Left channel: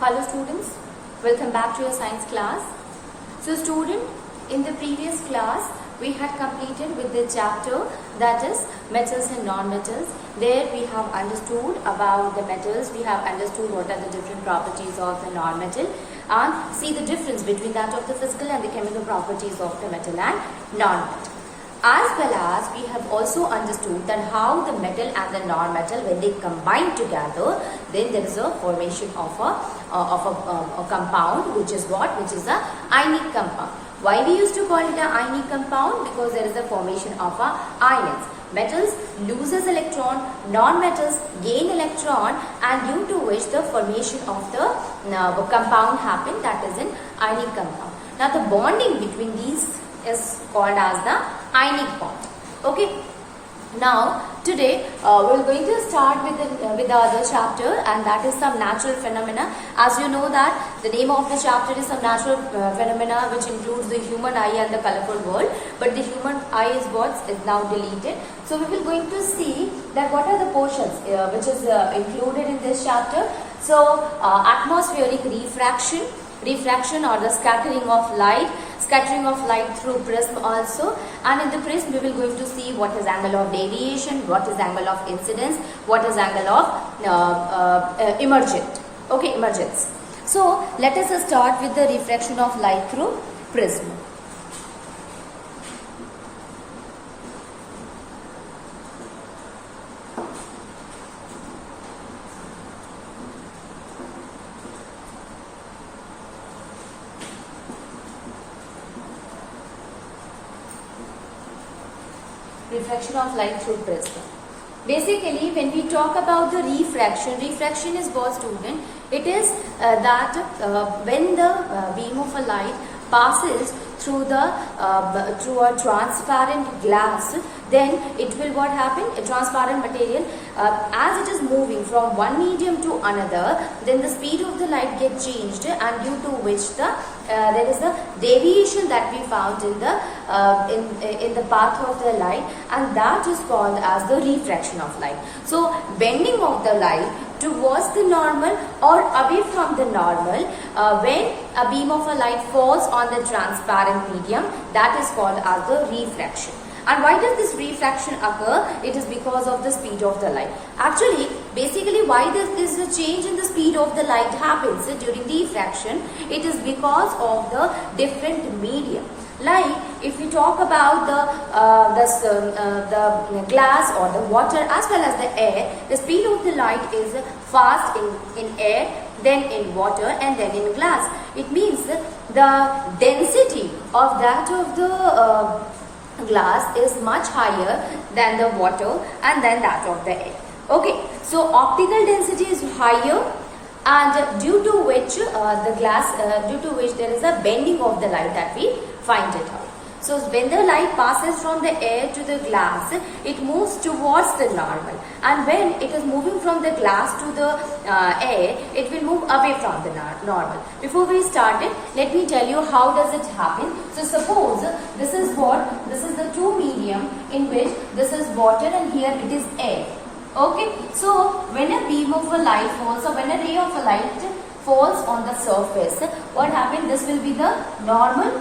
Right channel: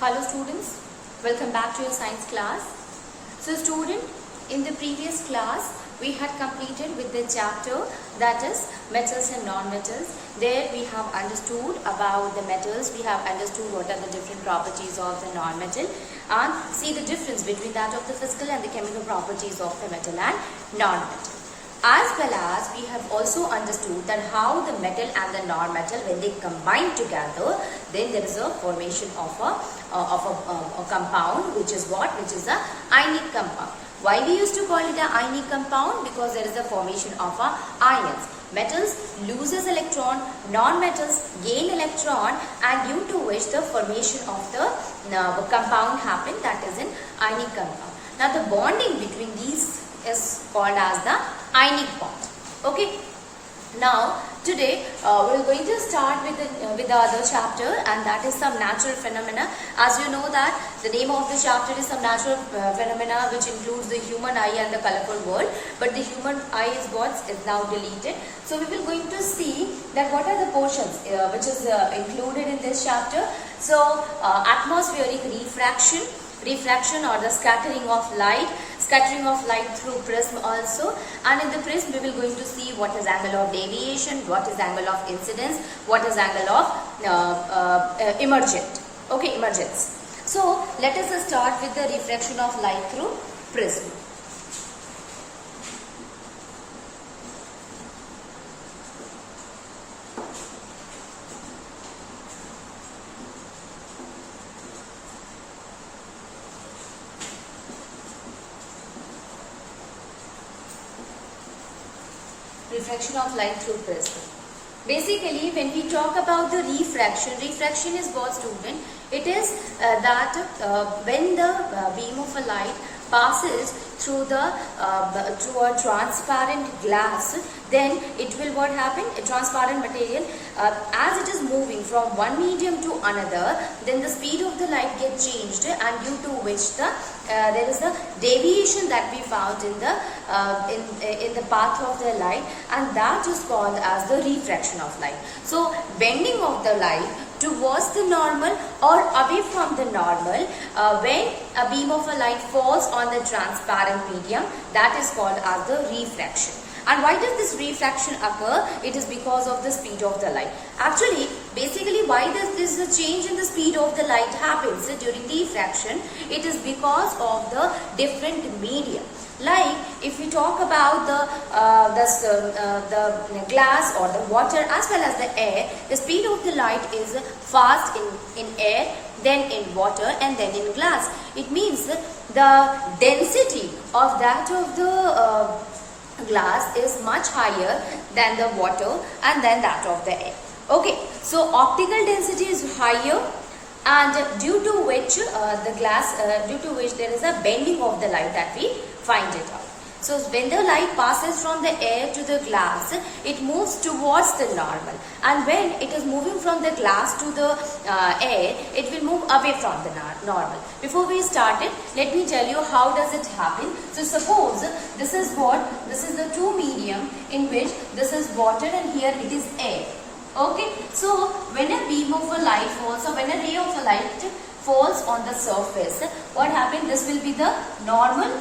Hello students, welcome back to your science class. So student, in the previous class we had completed with the chapter that is metals and non-metals. There we have understood about the metals, we have understood what are the different properties of the non-metal and see the difference between that of the physical and the chemical properties of the metal and non-metal. As well as we have also understood that how the metal and the non-metal, when they combine together, then there is a formation of a compound, which is what? Which is a ionic compound. Why we used to call it an ionic compound? Because there is a formation of ions. Metals loses electron, non-metals gain electron, and due to which the formation of the compound happened, that is an ionic compound. Now the bonding between these is called as the ionic bond. Okay. Now today we're going to start with the other chapter, and that is some natural phenomena. As you know that the name of the chapter is some natural phenomena, which includes the human eye and the colorful world. But the human eye is now deleted. So we will going to see that what are the portions which is included in this chapter. So atmospheric refraction or the scattering of light through prism also, and in the prism we will going to see what is angle of deviation, what is angle of incidence, what is angle of emergence. So let us start with the refraction of light through prism. Refraction of light through prism. Basically, when we talk about the refraction is what, student? It is that when the beam of a light passes through a transparent glass, then it will what happen? A transparent material, as it is moving from one medium to another, then the speed of the light gets changed, and due to which there is a deviation that we found in the path of the light, and that is called as the refraction of light. So bending of the light towards the normal or away from the normal when a beam of a light falls on the transparent medium, that is called as the refraction. And why does this refraction occur? It is because of the speed of the light. Actually, basically, why does this change in the speed of the light happens during refraction? It is because of the different medium. Like if you talk about the glass or the water as well as the air, the speed of the light is fast in air, then in water, and then in glass. It means the density of that of the glass is much higher than the water and then that of the air. Okay, so optical density is higher, and due to which there is a bending of the light that we find it out. So when the light passes from the air to the glass, it moves towards the normal, and when it is moving from the glass to the air, it will move away from the normal. Before we start it, let me tell you how does it happen. So suppose this is the two medium in which this is water and here it is air. Okay, so when a beam of a light falls, or when a ray of a light falls on the surface, what happens? This will be the normal.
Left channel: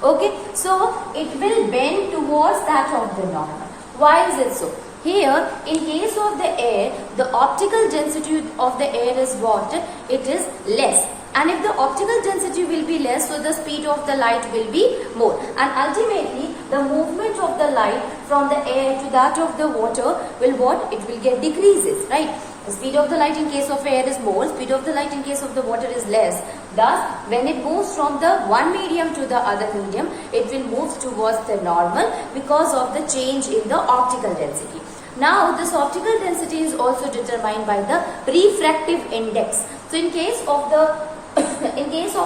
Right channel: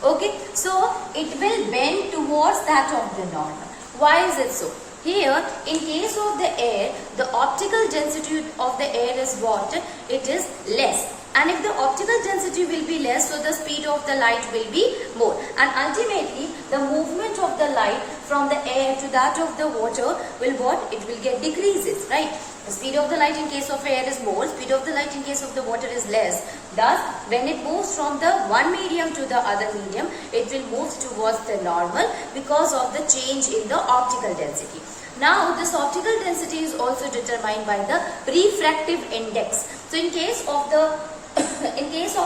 Okay, so it will bend towards that of the normal. Why is it so? Here, in case of the air, the optical density of the air is what? It is less. And if the optical density will be less, so the speed of the light will be more. And ultimately, the movement of the light from the air to that of the water will what? It will get decreases, right? The speed of the light in case of air is more, speed of the light in case of the water is less. Thus, when it moves from the one medium to the other medium, it will move towards the normal because of the change in the optical density. Now, this optical density is also determined by the refractive index. So, in case of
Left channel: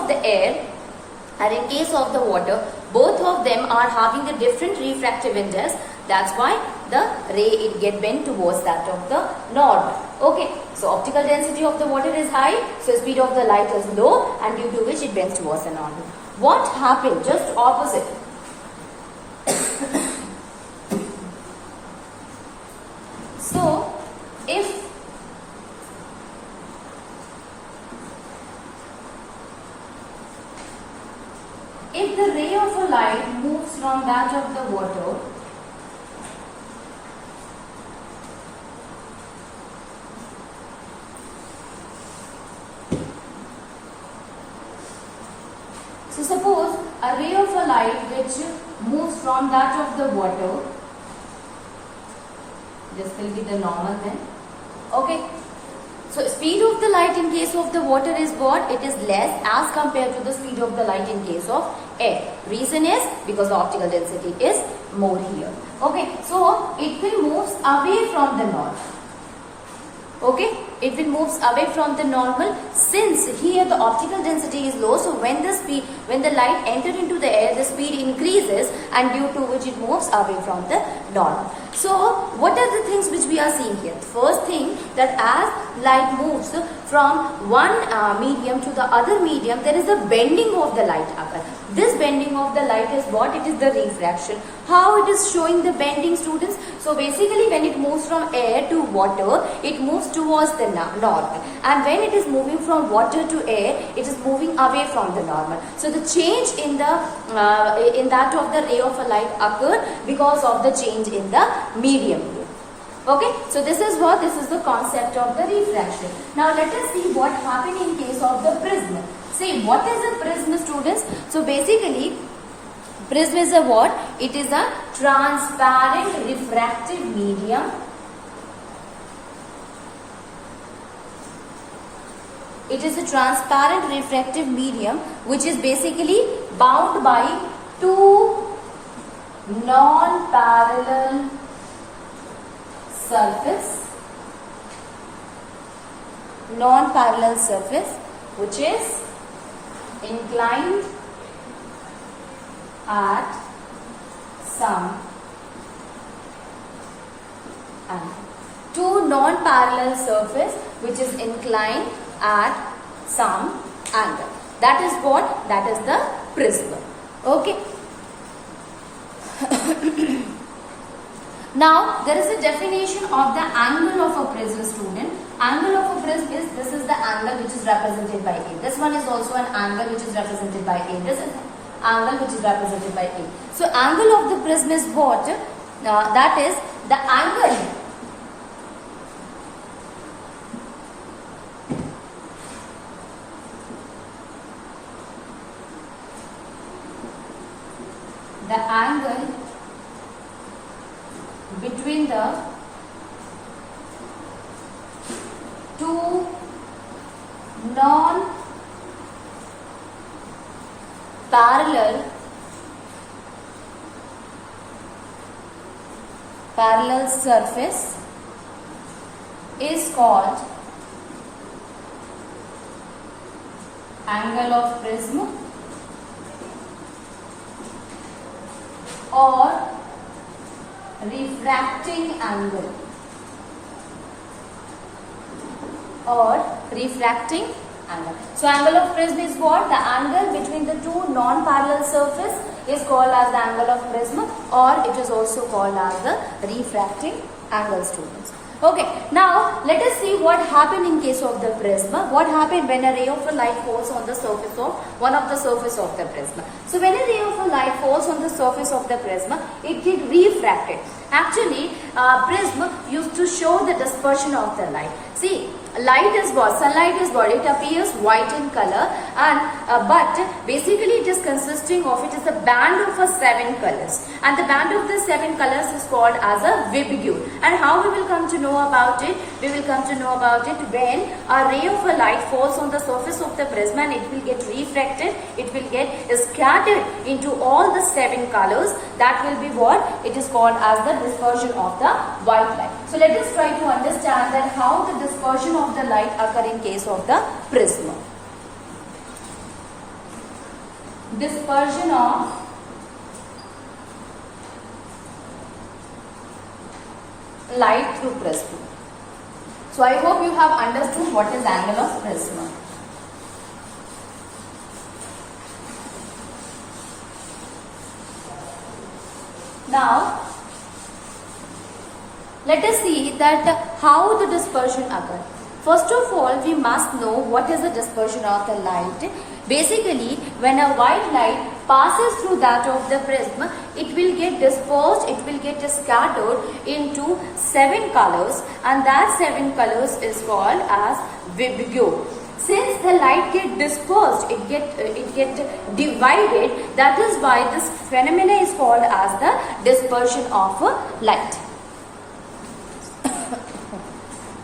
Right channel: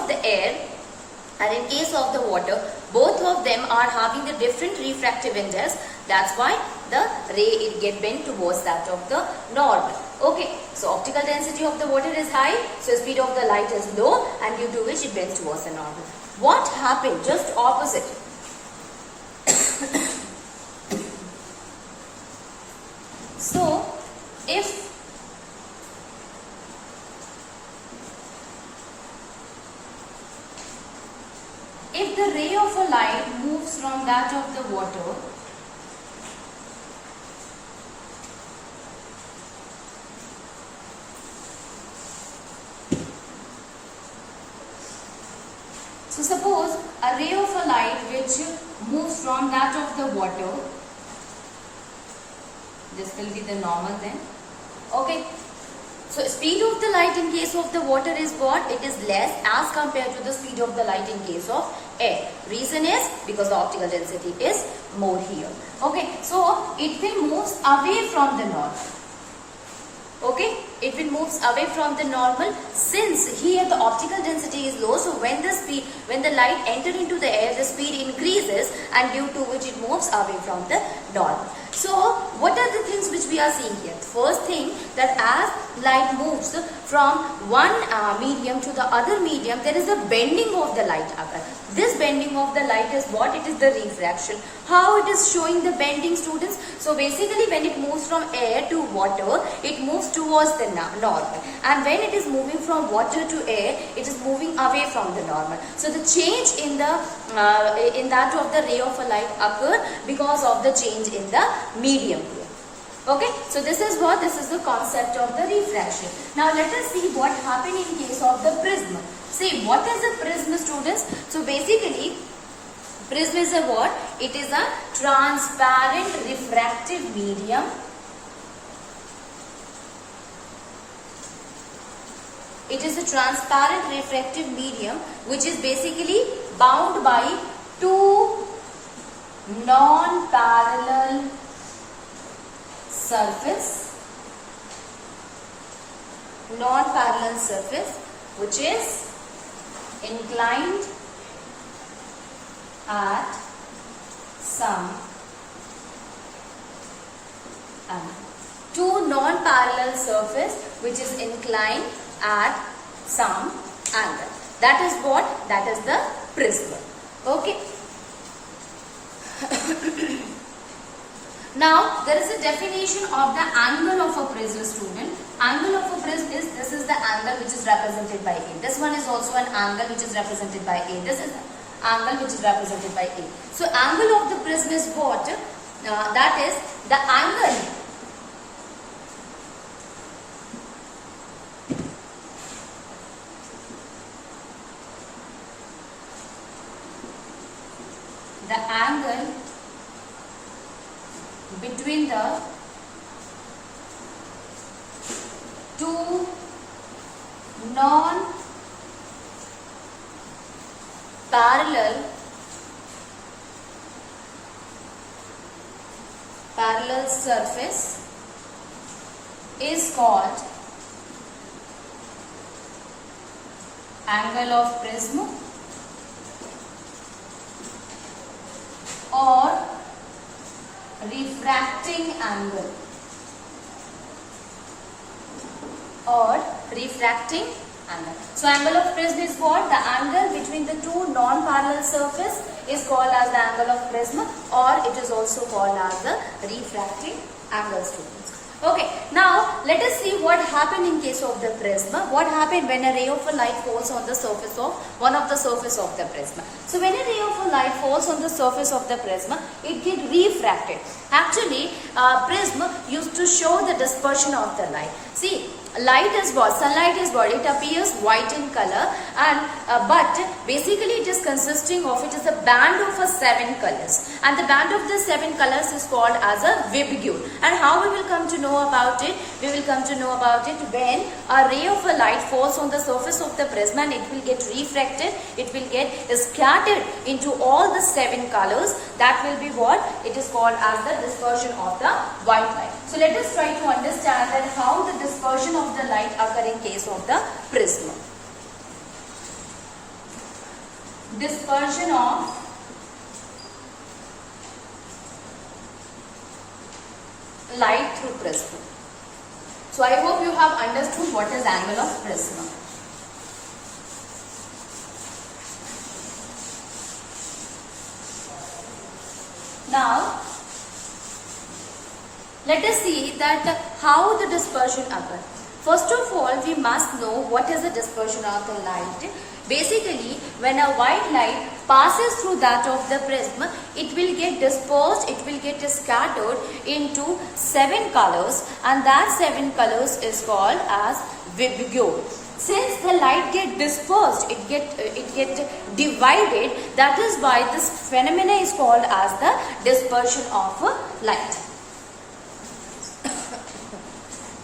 the air and in case of the water, both of them are having the different refractive index. That's why the ray it get bent towards that of the normal. Okay, so optical density of the water is high, so speed of the light is low, and due to which it bends towards the normal. What happened? Just opposite. So if if the ray of a light moves from that of the water so suppose a ray of a light which moves from that of the water, this will be the normal then. Okay. So speed of the light in case of the water is what? It is less as compared to the speed of the light in case of air. Reason is because the optical density is more here. Okay. So it will move away from the normal. Okay. It will move away from the normal since here the optical density is low. So when the light enters into the air, the speed increases and due to which it moves away from the normal. So what are the things which we are seeing here? First thing, that as light moves from one medium to the other medium, there is a bending of the light occur. This bending of the light is what? It is the refraction. How it is showing the bending, students? So basically when it moves from air to water, it moves towards the normal, and when it is moving from water to air, it is moving away from the normal. So the change in that of the ray of a light occur because of the change in the medium here. Okay, so this is the concept of the refraction. Now let us see what happened in case of the prism. See, what is a prism, students? So basically prism is a what? It is a transparent refractive medium. It is a transparent refractive medium which is basically bound by two non-parallel surface which is inclined at some angle. Two non-parallel surface which is inclined at some angle. That is what? That is the prism. Okay. Now there is a definition of the angle of a prism, student. Angle of a prism is, this is the angle which is represented by A. This one is also an angle which is represented by A. This is the angle which is represented by A. So angle of the prism is what? That is the angle between the two non-parallel surface is called angle of prism or refracting angle So angle of prism is what? The angle between the two non-parallel surface is called as the angle of prism, or it is also called as the refracting angle, students. Okay, now let us see what happened in case of the prism. What happened when a ray of a light falls on the surface of one of the surface of the prism. So when a ray of a light falls on the surface of the prism, it gets refracted. Actually, prism used to show the dispersion of the light. See, light is what? Sunlight is what? It appears white in color, and but basically it is consisting of, it is a band of 7 colors, and the band of the 7 colors is called as a Vibgyor. And how we will come to know about it? We will come to know about it when a ray of a light falls on the surface of the prism and it will get refracted. It will get scattered into all the 7 colors. That will be what? It is called as the dispersion of the white light. So let us try to understand that how the dispersion of the light occur in case of the prism. Dispersion of light through prism. So I hope you have understood what is angle of prism. Now let us see that how the dispersion occurs. First of all, we must know what is the dispersion of the light. Basically, when a white light passes through that of the prism, it will get dispersed, it will get scattered into 7 colors, and that 7 colors is called as vibgyor. Since the light get dispersed, it get divided, that is why this phenomena is called as the dispersion of light.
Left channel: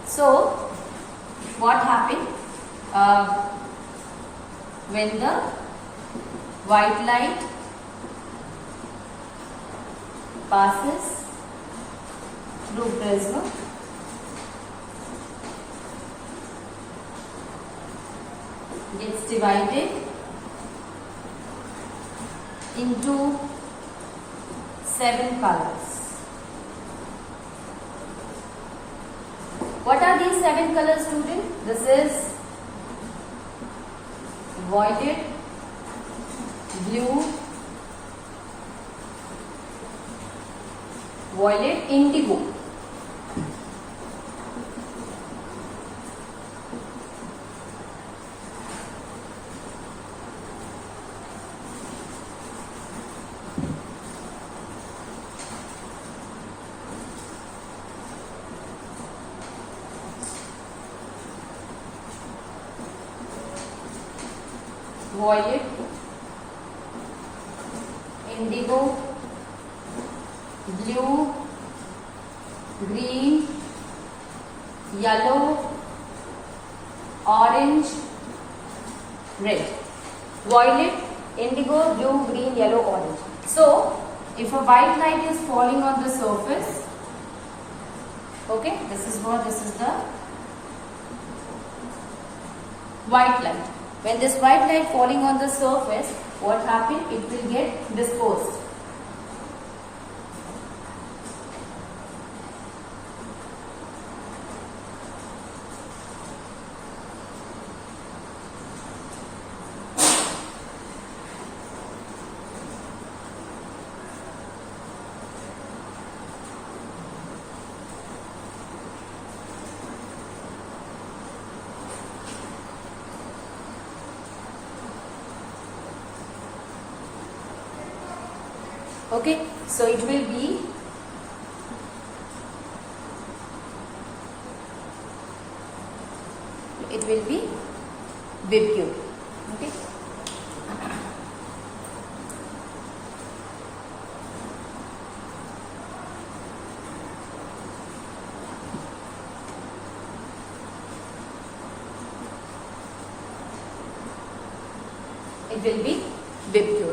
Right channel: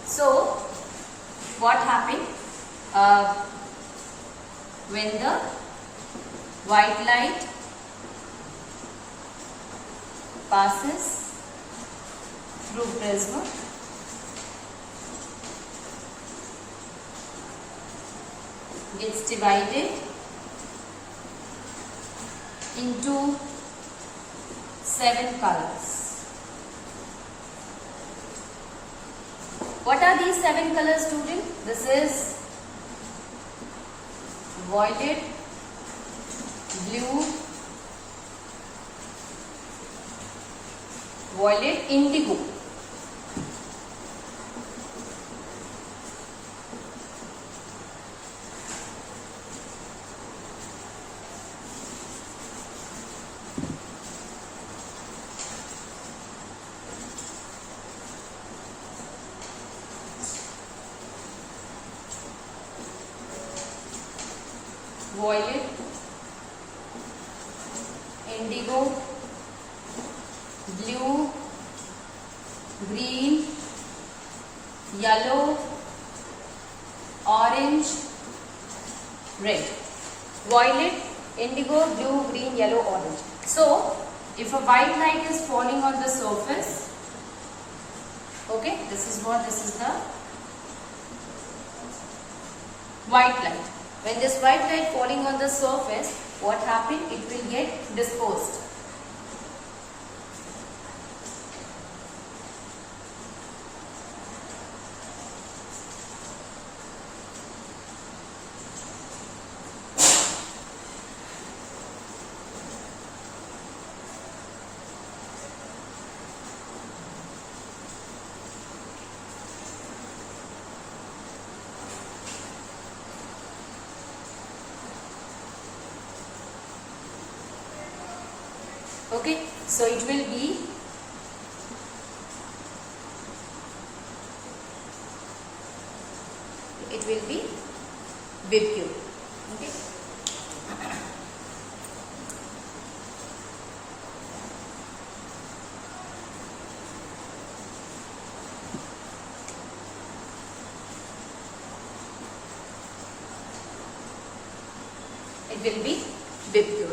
So, what happened? When the white light passes through prism, gets divided into 7 colors. What are these 7 colors, student? This is violet, blue, violet, indigo. Violet, indigo, blue, green, yellow, orange, red. Violet, indigo, blue, green, yellow, orange. So, if a white light is falling on the surface, okay, this is the white light. When this white light falling on the surface, what happened? It will get dispersed. Okay, so it will be vibgyor. Okay. It will be vibgyor.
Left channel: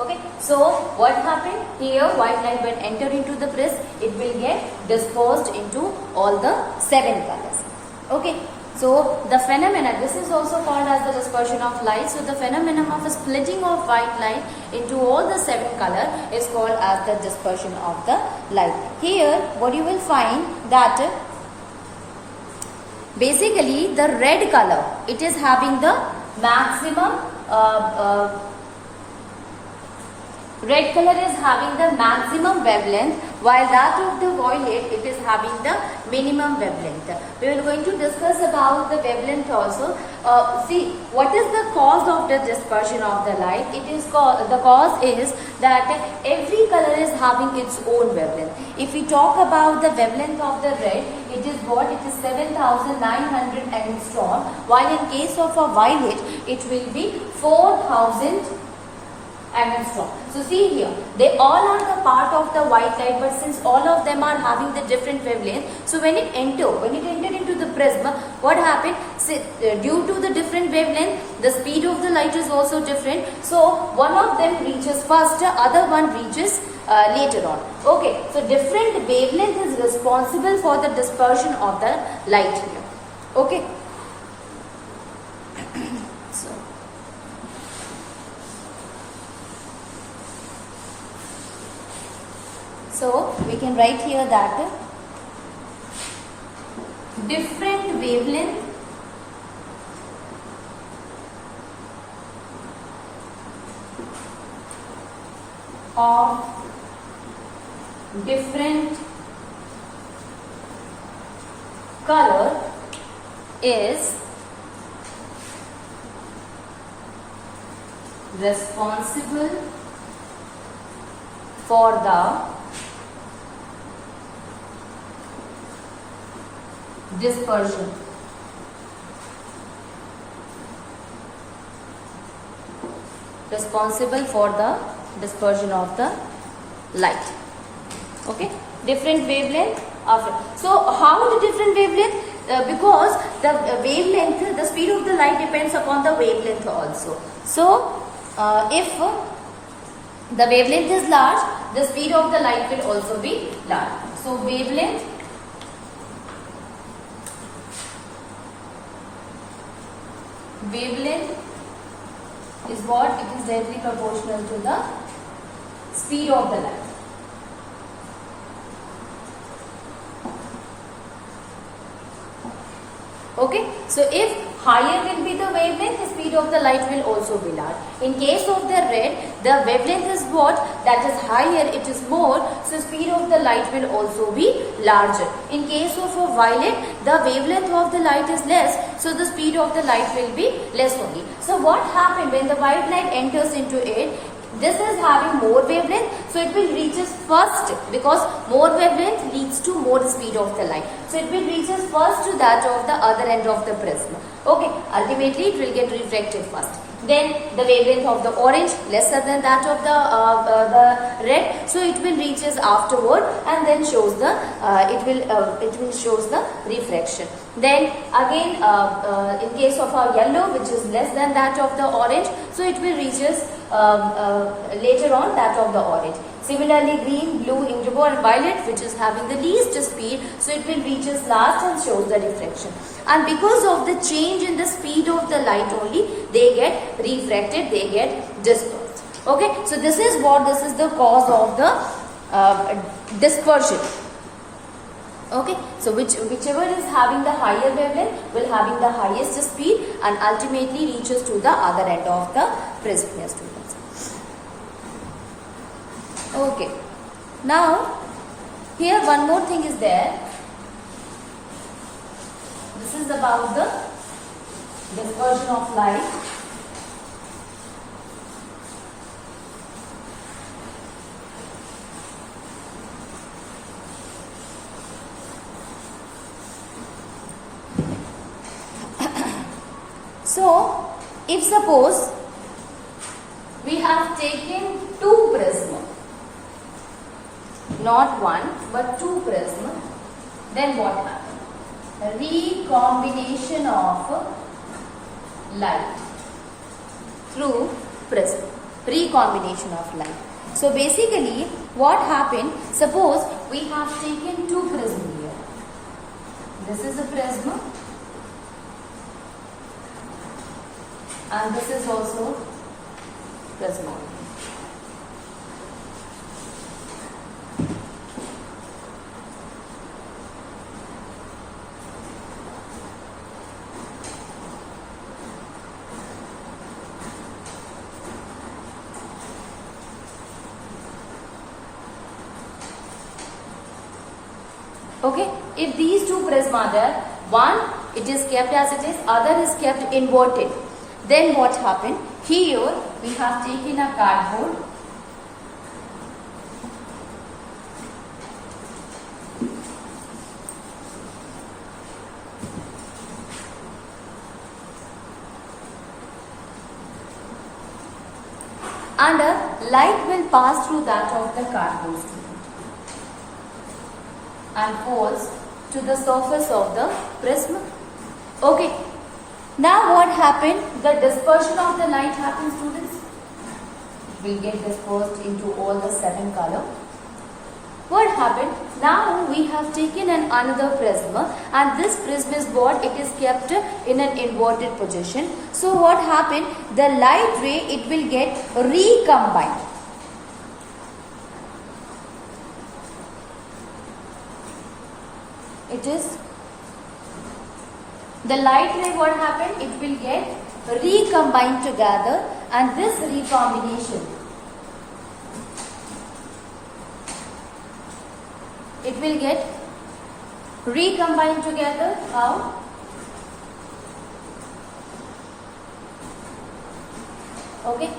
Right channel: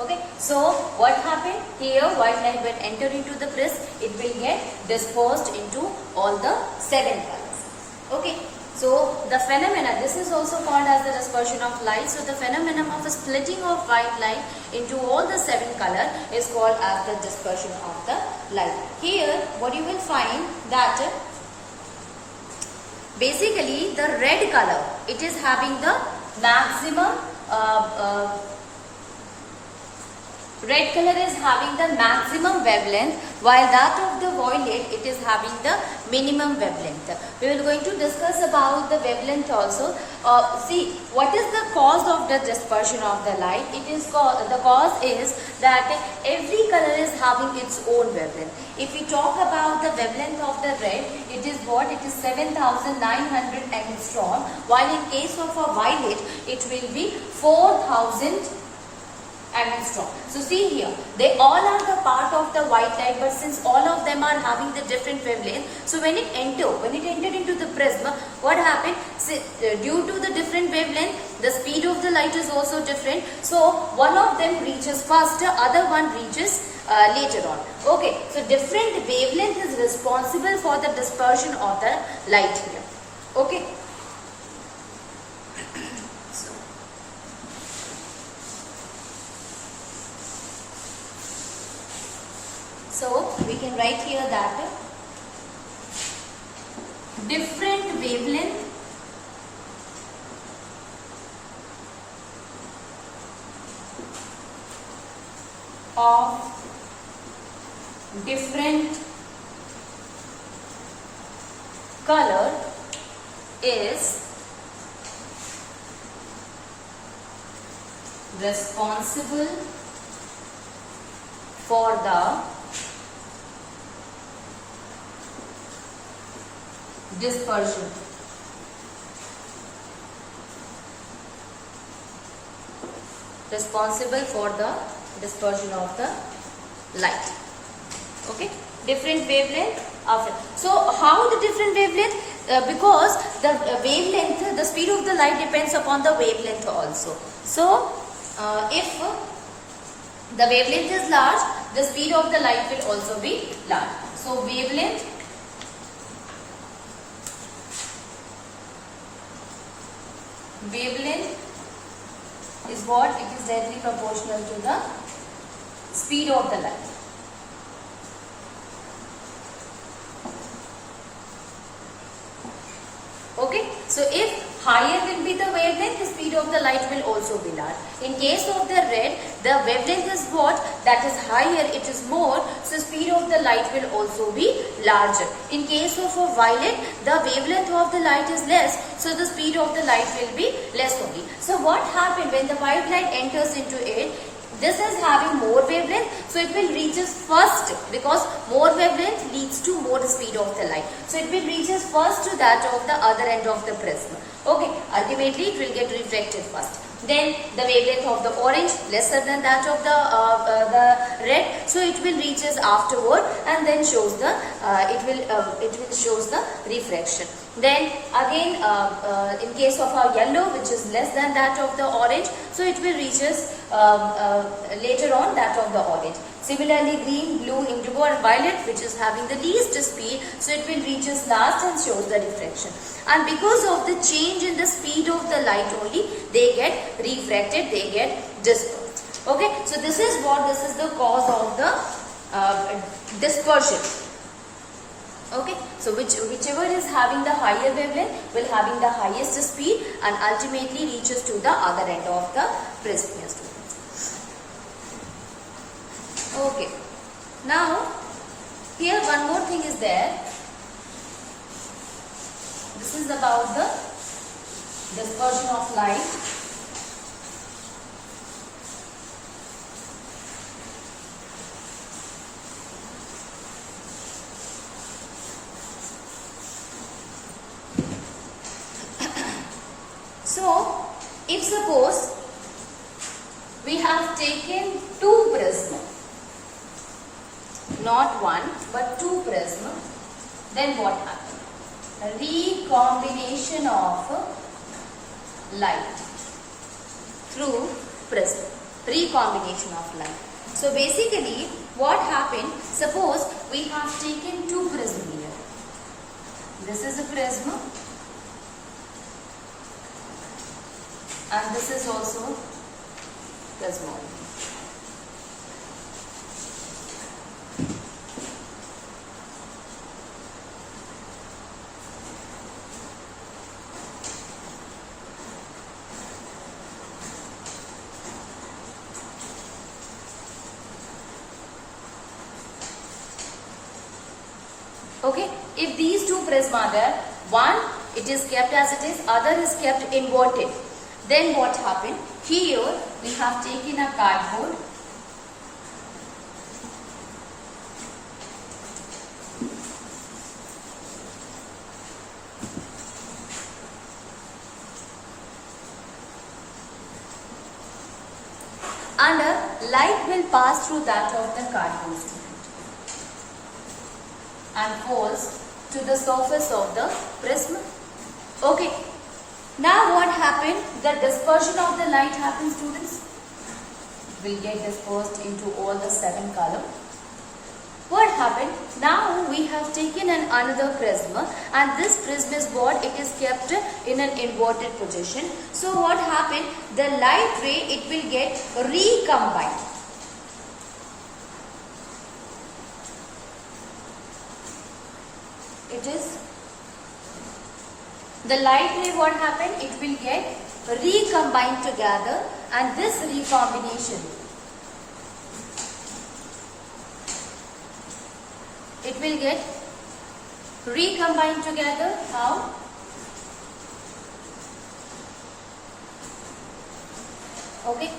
Okay, so what happened here? White light when enter into the prism, it will get dispersed into all the 7 colors. Okay, so the phenomena, this is also called as the dispersion of light. So the phenomenon of a splitting of white light into all the 7 color is called as the dispersion of the light. Here, what you will find that basically the red color, it is having the maximum red color is having the maximum wavelength, while that of the violet, it is having the minimum wavelength. We are going to discuss about the wavelength also. See, what is the cause of the dispersion of the light? It is the cause is that every color is having its own wavelength. If we talk about the wavelength of the red, it is what? It is 7,900 angstrom, while in case of a violet, it will be 4,000 angstrom. So see here, they all are the part of the white light, but since all of them are having the different wavelength, so when it entered into the prism, what happened? Due to the different wavelength, the speed of the light is also different. So one of them reaches faster, other one reaches later on. Okay, so different wavelength is responsible for the dispersion of the light here. Okay. So we can write here that different wavelength of different color is responsible for the dispersion. Responsible for the dispersion of the light. Okay, different wavelength of it. So how the different wavelength? Because the wavelength, the speed of the light depends upon the wavelength also. So if the wavelength is large, the speed of the light will also be large. So wavelength is what? It is directly proportional to the speed of the light. Okay, so if higher will be the wavelength, the speed of the light will also be large. In case of the red, the wavelength is what? That is higher, it is more, so speed of the light will also be larger. In case of a violet, the wavelength of the light is less, so the speed of the light will be less only. So what happened when the white light enters into it? This is having more wavelength, so it will reaches first, because more wavelength leads to more speed of the light. So it will reaches first to that of the other end of the prism. Okay, ultimately it will get refracted first. Then the wavelength of the orange lesser than that of the red, so it will reaches afterward and then shows the it will shows the refraction. Then again in case of our yellow, which is less than that of the orange, so it will reaches later on that of the orange. Similarly, green, blue, indigo and violet, which is having the least speed, so it will reaches last and shows the refraction. And because of the change in the speed of the light only, they get refracted, they get dispersed. Okay, so this is the cause of the dispersion. Okay, so whichever is having the higher wavelength will having the highest speed and ultimately reaches to the other end of the prism, here students. Okay, now here one more thing is there. This is about the dispersion of light. So, if suppose we have taken two prisms, not one but two prisms, then what happens? Recombination of light through prism. Recombination of light. So basically what happened, suppose we have taken two prisms here. This is a prism and this is also prism. Okay, if these two prisms are there, one it is kept as it is, other is kept inverted, then what happened? Here we have taken a cardboard and a light will pass through that of the cardboard and falls to the surface of the prism. Okay, now what happened? The dispersion of the light happens, students. It will get dispersed into all the 7 colors. What happened? Now we have taken another prism and this prism is what? It is kept in an inverted position. So what happened? The light ray, it will get recombined. It is the light ray, what happened? It will get recombined together and this recombination, it will get recombined together. How? Okay.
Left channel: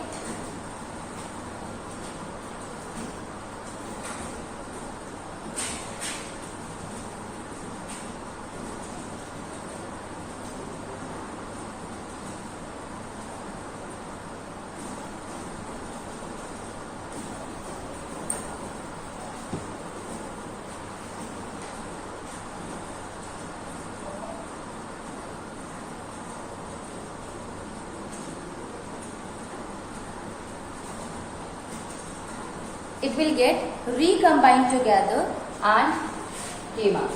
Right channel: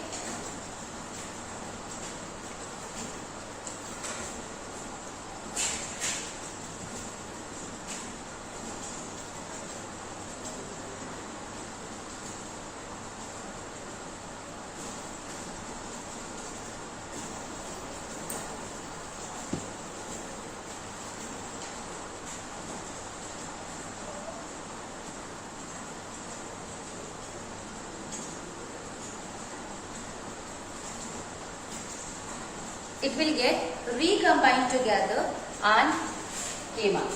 It will get recombined together and came out.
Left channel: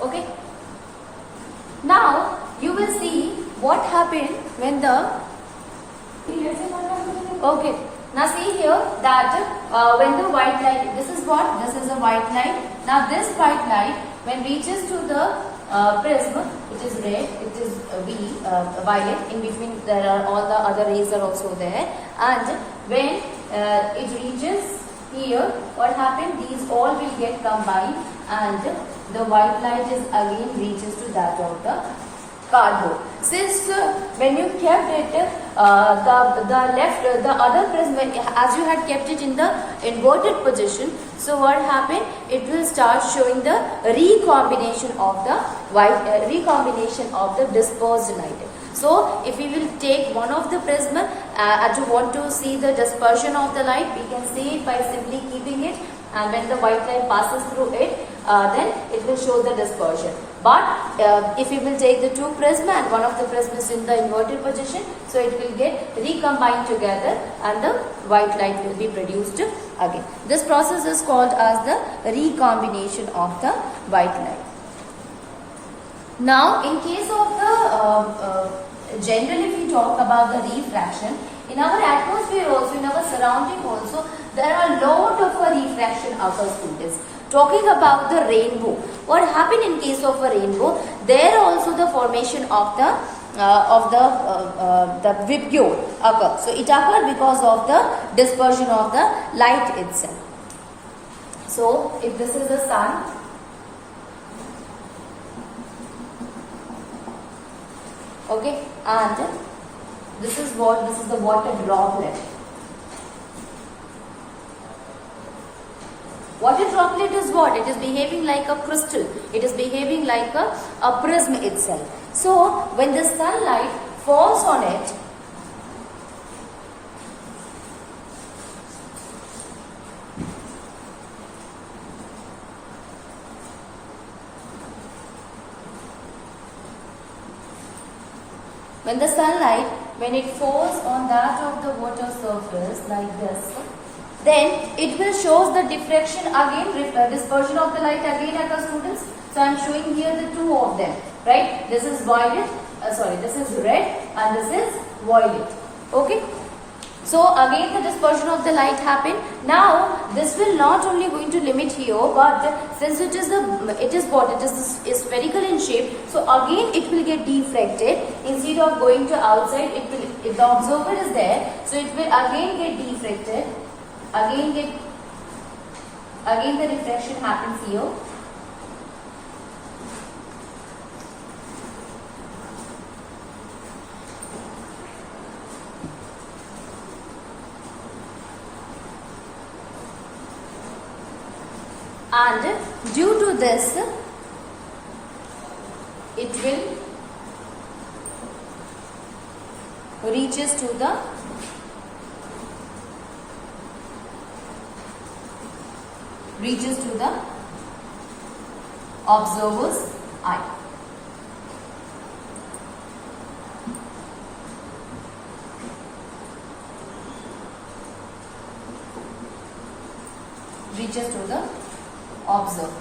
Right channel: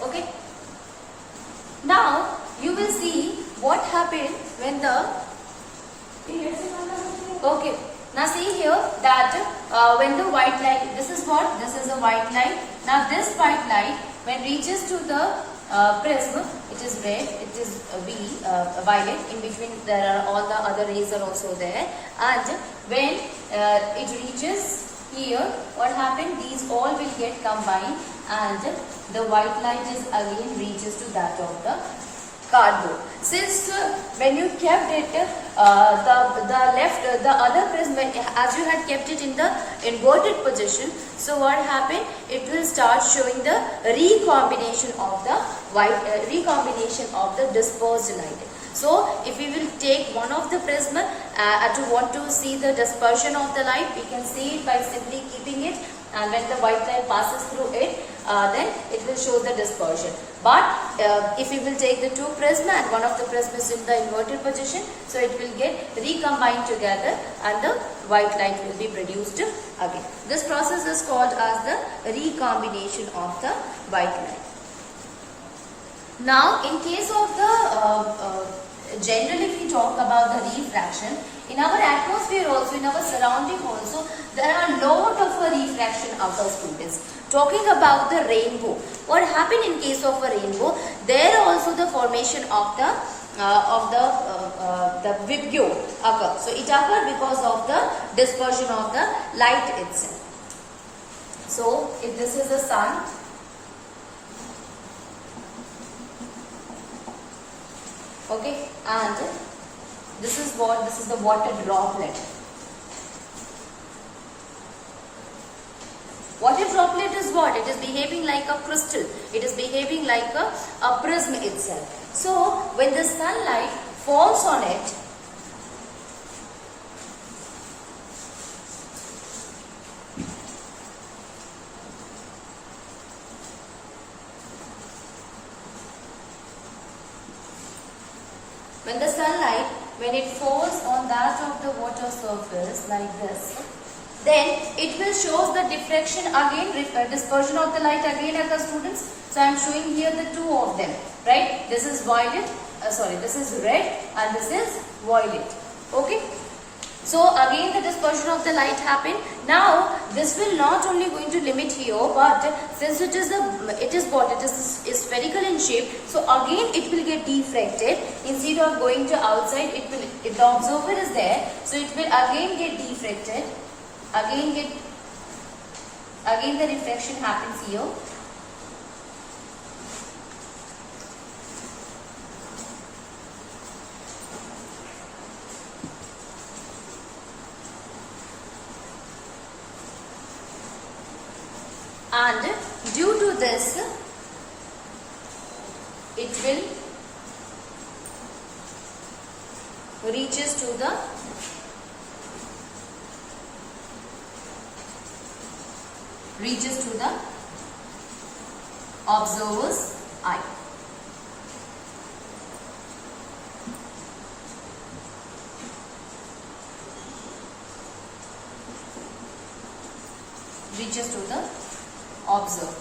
Okay. Now you will see what happened when the okay. Now see here that when the white light, this is what? This is a white light. Now this white light when reaches to the prism, it is red, it is violet. In between there are all the other rays are also there. And when it reaches here, what happened? These all will get combined and the white light is again reaches to that of the cardboard. Since when you kept it, the other prism, as you had kept it in the inverted position, so what happened? It will start showing the recombination of the recombination of the dispersed light. So if we will take one of the prism and you want to see the dispersion of the light, we can see it by simply keeping it, and when the white light passes through it, then it will show the dispersion. But if you will take the two prism and one of the prism is in the inverted position, so it will get recombined together and the white light will be produced again. This process is called as the recombination of the white light. Now in case of the generally if we talk about the refraction, in our atmosphere also, in our surrounding also, there are a lot of refraction occurs, students. Talking about the rainbow, what happened in case of a rainbow? There also the formation of the vibrio occurs. So it occurs because of the dispersion of the light itself. So if this is the sun, okay, and this is what? This is the water droplet. Water droplet is what? It is behaving like a crystal. It is behaving like a prism itself. So when the sunlight falls on it, when it falls on that of the water surface like this, then it will show the diffraction again, dispersion of the light again occurs, students. So I am showing here the two of them, right? This is violet, this is red and this is violet. Okay. So again the dispersion of the light happened. Now this will not only going to limit here, but since it is spherical in shape, so again it will get diffracted. Instead of going to outside, if the observer is there, so it will again get diffracted. Again the refraction happens here. And due to this, it will reaches to the observer's eye. Reaches to the observer.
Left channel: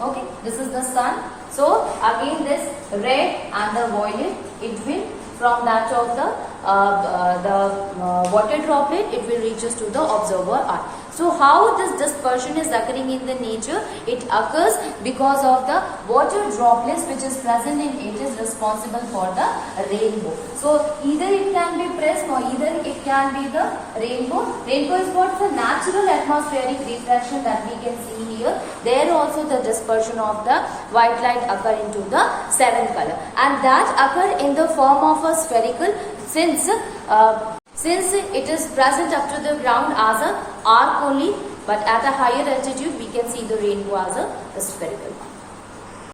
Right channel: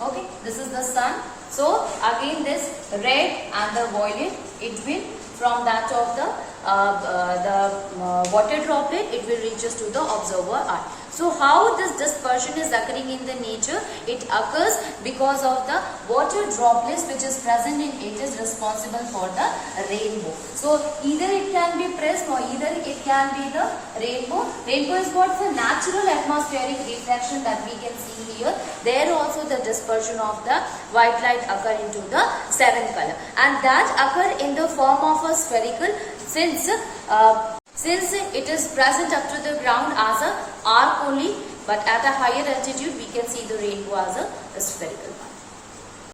Okay, this is the sun. So again this red and the violet, it will from that of the water droplet, it will reaches to the observer eye. So how this dispersion is occurring in the nature? It occurs because of the water droplets which is present in it is responsible for the rainbow. So either it can be prism or either it can be the rainbow. Rainbow is what's a natural atmospheric reflection that we can see here. There also the dispersion of the white light occur into the seven color, and that occur in the form of a spherical since it is present up to the ground as a arc only, but at a higher altitude we can see the rainbow as a spherical one.